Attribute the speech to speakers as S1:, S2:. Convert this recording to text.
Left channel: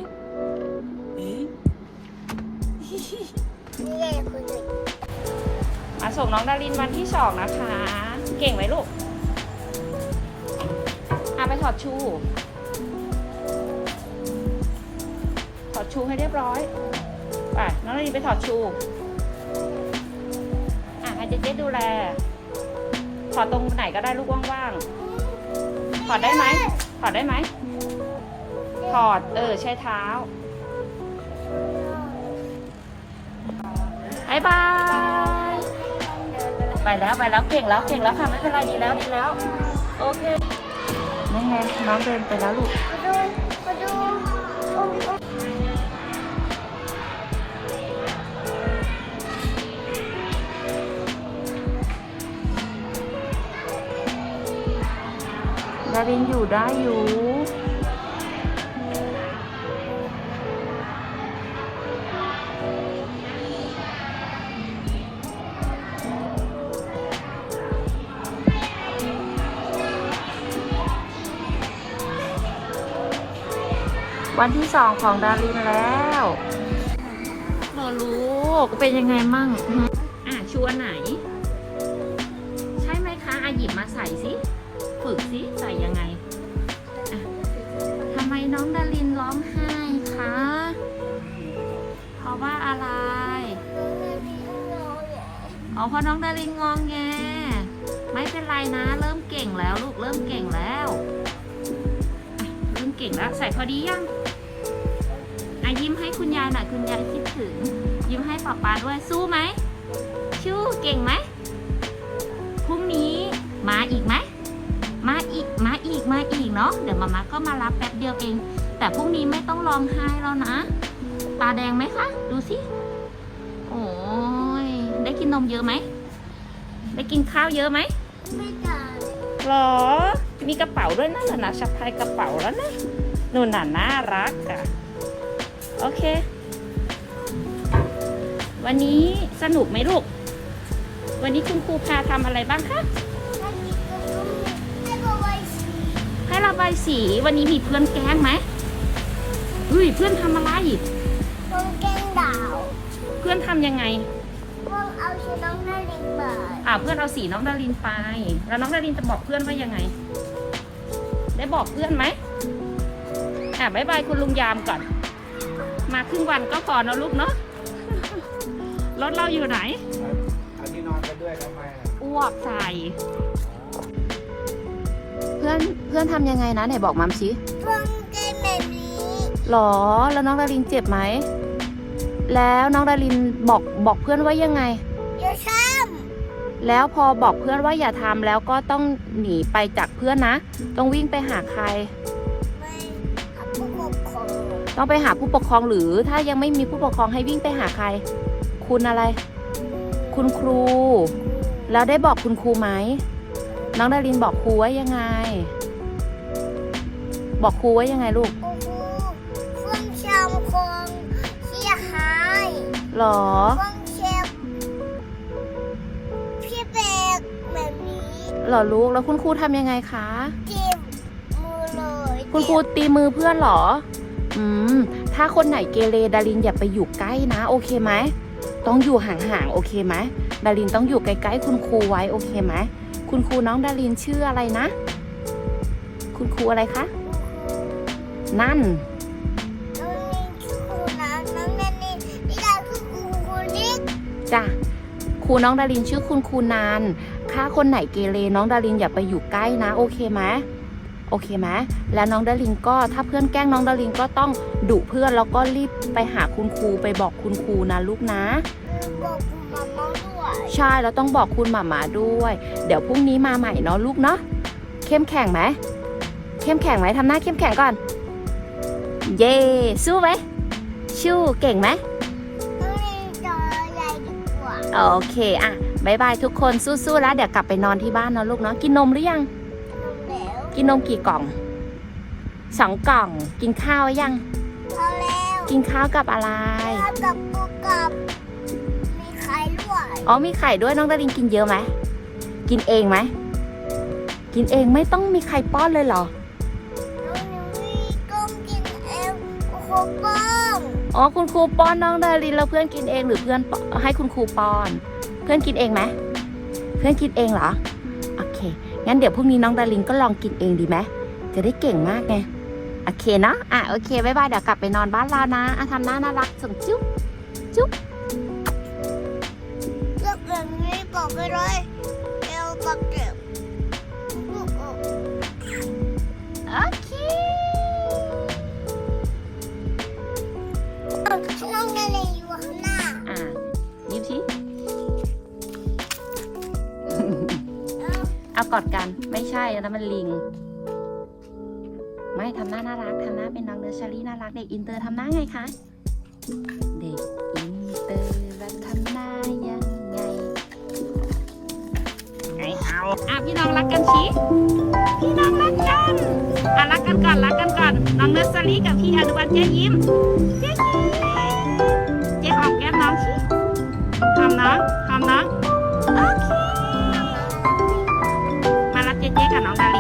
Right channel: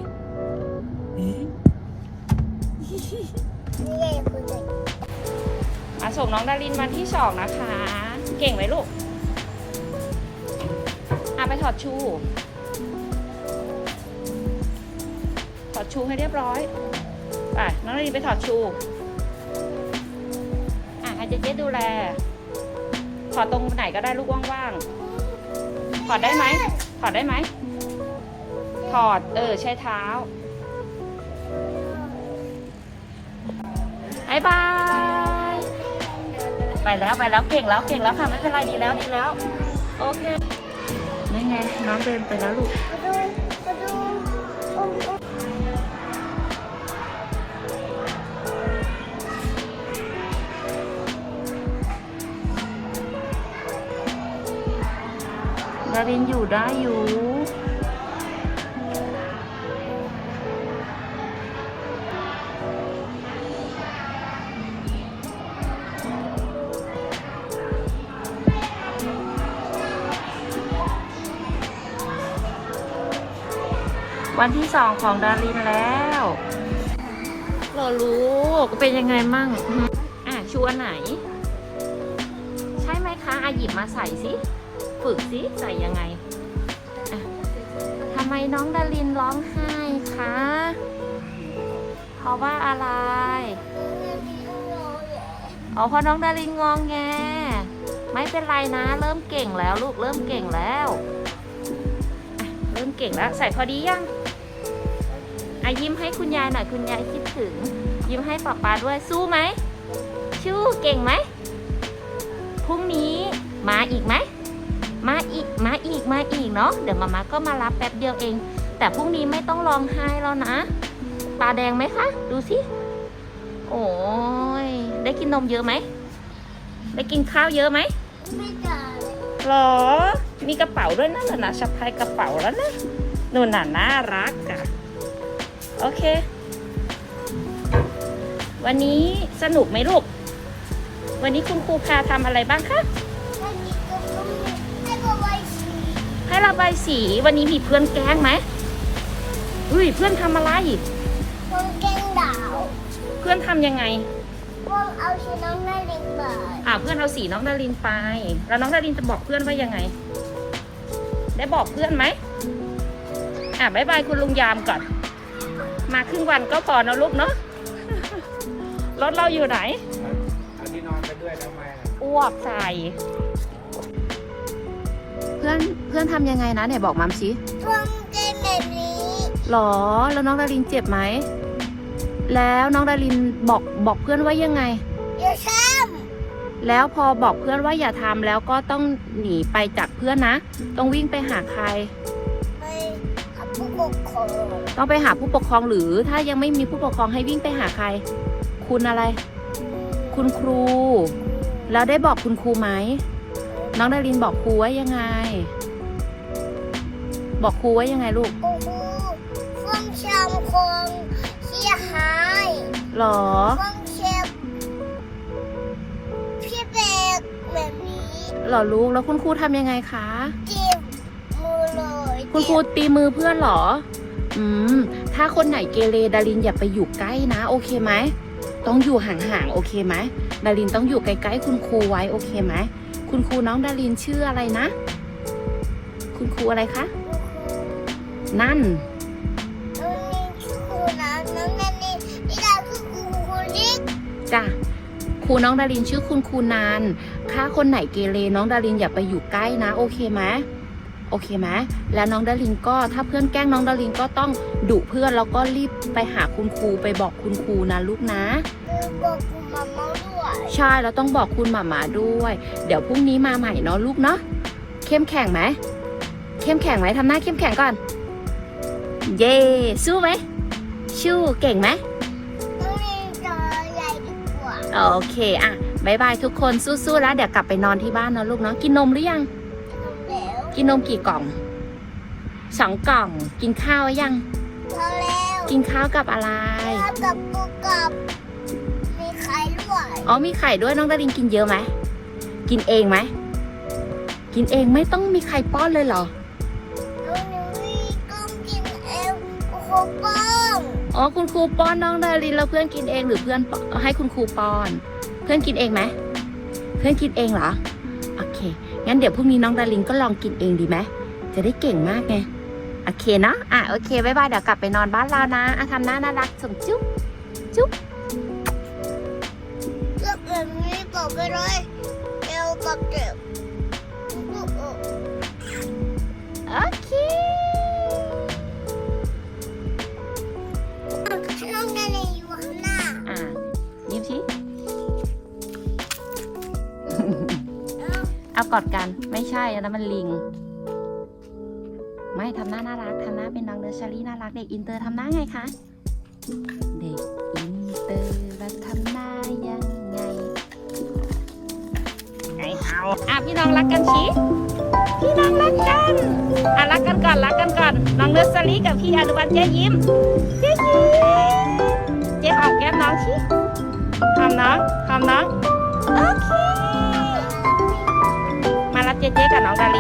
S1: มาส่งน้องดารินวันที่2นะคะ เก่งไหมลูกไปถอดชูให้เรียบร้อยไปน้องดารินไปถอดชูให้เจ๊ดูแลถอดตรงไหนก็ได้ลูกว่างๆถอดได้ไหมถอดใช้เท้าบ๊ายบายไปแล้วเก่งแล้วค่ะไม่เป็นไรดีแล้วโอเคนี่ไงน้องเดินไปแล้วลูกดารินอยู่ได้อยู่วันที่2ของดารินแล้วเรารู้เป็นยังไงมั่งชวนไหนใช่ไหมคะหยิบมาใส่สิฝึกสิใส่ยังไงทำไมน้องดารินร้องไห้คะเพราะว่าอะไรเพราะน้องดารินงองแงไม่เป็นไรนะเริ่มเก่งแล้วลูกเริ่มเก่งแล้วใส่พอดียังยิ้มให้คุณยายหน่อยคุณยายคิดถึงยิ้มให้ป๊าด้วยสู้ไหมสู้เก่งไหมพรุ่งนี้มาอีกไหมมาอีกเนาะเดี๋ยวมาก็มารับแป๊บเดียวเองแต่พรุ่งนี้ไม่ต้องร้องไห้แล้วนะตาแดงไหมคะดูสิโอ้ยได้กินนมเยอะไหมได้กินข้าวเยอะไหมไม่ได้หรอมีกระเป๋าด้วยนะสะพายกระเป๋าแล้วนะโน่นน่ารักอ่ะโอเควันนี้สนุกไหมลูกวันนี้คุณครูพาทำอะไรบ้างคะให้ระบายสีวันนี้มีเพื่อนแกล้งไหมเพื่อนทำอะไรอีกแกล้งดาวเพื่อนทำยังไงเพื่อนเอาสีน้องดารินไปเพื่อนเอาสีน้องดารินไปแล้วน้องดารินจะบอกเพื่อนว่ายังไงได้บอกเพื่อนไหมบ๊ายบายคุณลุงยามก่อนมาครึ่งวันก็พอนะลูกเนาะรถเราอยู่ไหนเอาที่นอนไปด้วยทำไมอ้วกใส่เพื่อนทำยังไงนะไหนบอกมัมสิเพื่อนเจ็บแบบนี้หรอแล้วน้องดารินเจ็บไหมแล้วน้องดารินบอกเพื่อนว่ายังไงอย่าทำแล้วพอบอกเพื่อนว่าอย่าทำแล้วก็ต้องหนีไปจากเพื่อนนะต้องวิ่งไปหาใครผู้ปกครองต้องไปหาผู้ปกครองหรือถ้ายังไม่มีผู้ปกครองให้วิ่งไปหาใครคุณอะไรคุณครูแล้วได้บอกคุณครูไหมน้องดารินบอกครูว่ายังไงบอกครูว่ายังไงลูกเพื่อนชมคงเสียหายหรอเพื่อนเชฟพี่แบกแบบนี้หรอลูกแล้วคุณครูทำยังไงคะจีบมือเลยคุณครูตีมือเพื่อนหรอถ้าคนไหนเกเรดารินอย่าไปอยู่ใกล้นะโอเคไหมต้องอยู่ห่างๆโอเคไหมดารินต้องอยู่ใกล้ๆคุณครูไว้โอเคไหมคุณครูน้องดารินชื่ออะไรนะคุณครูอะไรคะนั่นน้องดารินชื่อครูนิกจ้ะครูน้องดารินชื่อคุณครูนานถ้าคนไหนเกเรน้องดารินอย่าไปอยู่ใกล้นะโอเคไหมโอเคไหมแล้วน้องดารินก็ถ้าเพื่อนแกล้งน้องดารินก็ต้องดุเพื่อนแล้วก็รีบไปหาคุณครูไปบอกคุณครูนะลูกนะบอกคุณหม่าม้าด้วยใช่แล้วต้องบอกคุณหม่าม้าด้วยเดี๋ยวพรุ่งนี้มาใหม่เนาะลูกเนาะเข้มแข็งไหมทำหน้าเข้มแข็งก่อนเย่สู้ไหมสู้เก่งไหมต้องมีจอใหญ่ดีกว่าโอเคบ๊ายบายทุกคนสู้ๆแล้วเดี๋ยวกลับไปนอนที่บ้านนะลูกเนาะกินนมหรือยังกินนมกี่กล่อง2 กล่องกินข้าวยังแล้วกินข้าวกับอะไรกับปูกับมีไข่ด้วยมีไข่ด้วยน้องดารินกินเยอะไหมกินเองไหมกินเองไม่ต้องมีใครป้อนเลยเหรอน้องนิวก็กินเองครู
S2: ป้อน
S1: อ๋อคุณครูป้อนน้องดารินแล้วเพื่อนกินเองหรือเพื่อนให้คุณครูป้อน เพื่อนกินเองไหมเพื่อนกินเองเหรอโอเคงั้นเดี๋ยวพรุ่งนี้น้องดารินก็ลองกินเองดีไหมจะได้เก่งมากไงโอเคนะโอเคบ๊ายบายเดี๋ยวกลับไปนอนบ้านเรานะทำหน้าน่ารักส่งจุ๊บจุ๊บ
S2: เลือกแบบนี้บอกไปเลยเร็วกับเด็ก
S1: โอเค
S2: น้องอะไรอยู่ข้างหน้า
S1: นี่สิเอากอดกันไม่ใช่แล้วมันลิงไม่ทำหน้าน่ารักทำหน้าเป็นน้องเนอร์เซอรี่น่ารักเด็กอินเตอร์ทำหน้าไงคะเด็กอินเตอร์มันทำหน้ายังไงพี่น้องรักกันสิพี่น้องรักกันรักกันก่อนรักกันก่อนน้องเนอร์เซอรี่กับพี่อนุวัฒน์เจ๊ยิ้มเจ๊ยิ้มเจ๊หอมแก้มน้องสิหอมน้องโอเคมารับเจ๊กับน้องดา